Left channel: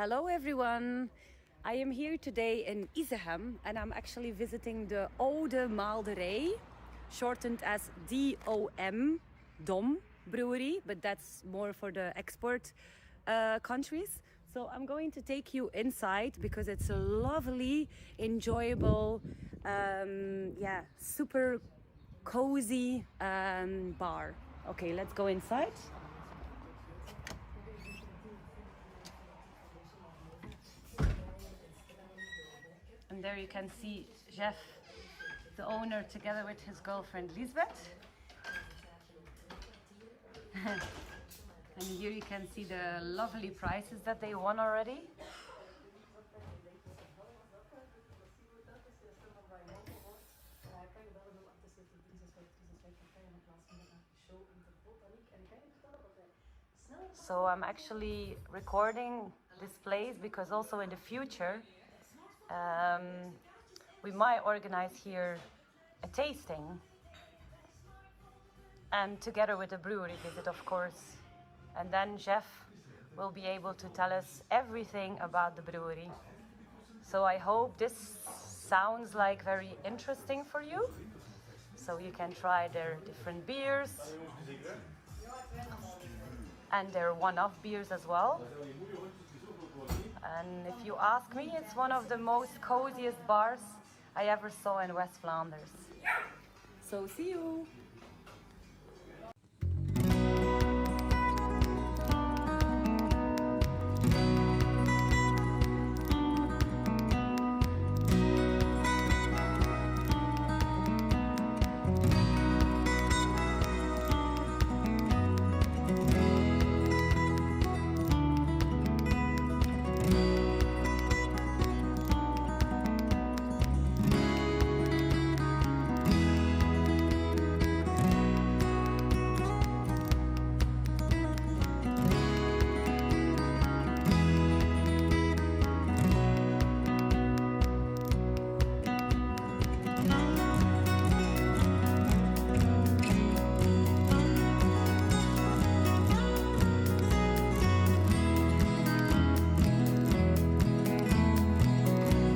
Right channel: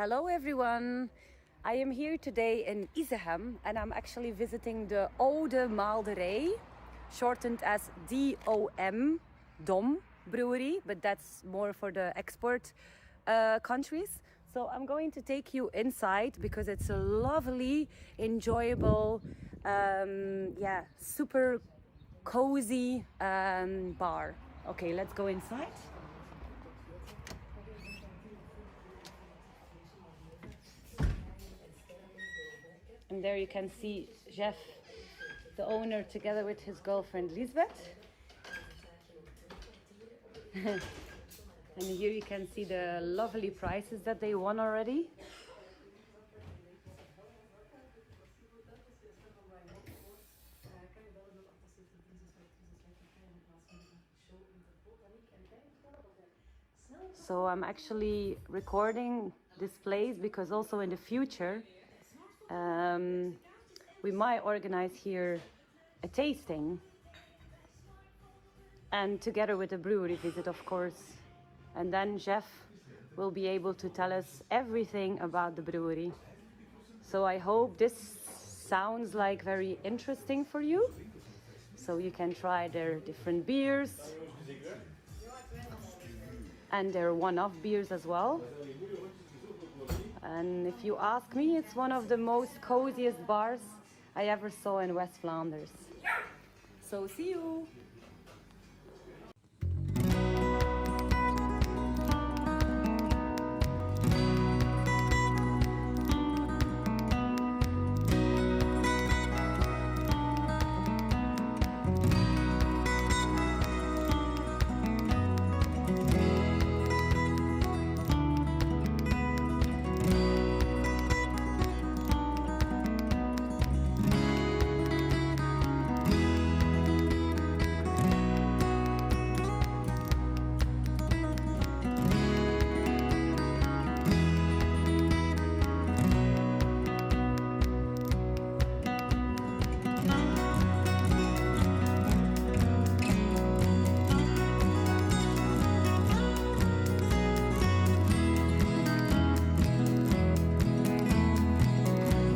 Hello everyone! I am here today in Izegem and I'm actually visiting the Oude Maalderij, shortened as D.O.M, D.O.M brewery, but that's more for the export countries. So I'm going to take you inside because it's a lovely, enjoyable, super cozy bar. Okay, let's go inside. And there you can see Jef, the owner, together with his girlfriend Liselot. And here you can see the lovely prizes that they won already. So I'm actually recording this place because also in the future we might organize here a tasting, and together with a brewery visit, of course. And then Jef will be able to tell us everything about the brewery. So I hope this sounds like very interesting for you. So you can try their different beers and their one-off beers as well. And if you ask me, it's one of the most coziest bars I ever saw in West Flanders. So see you!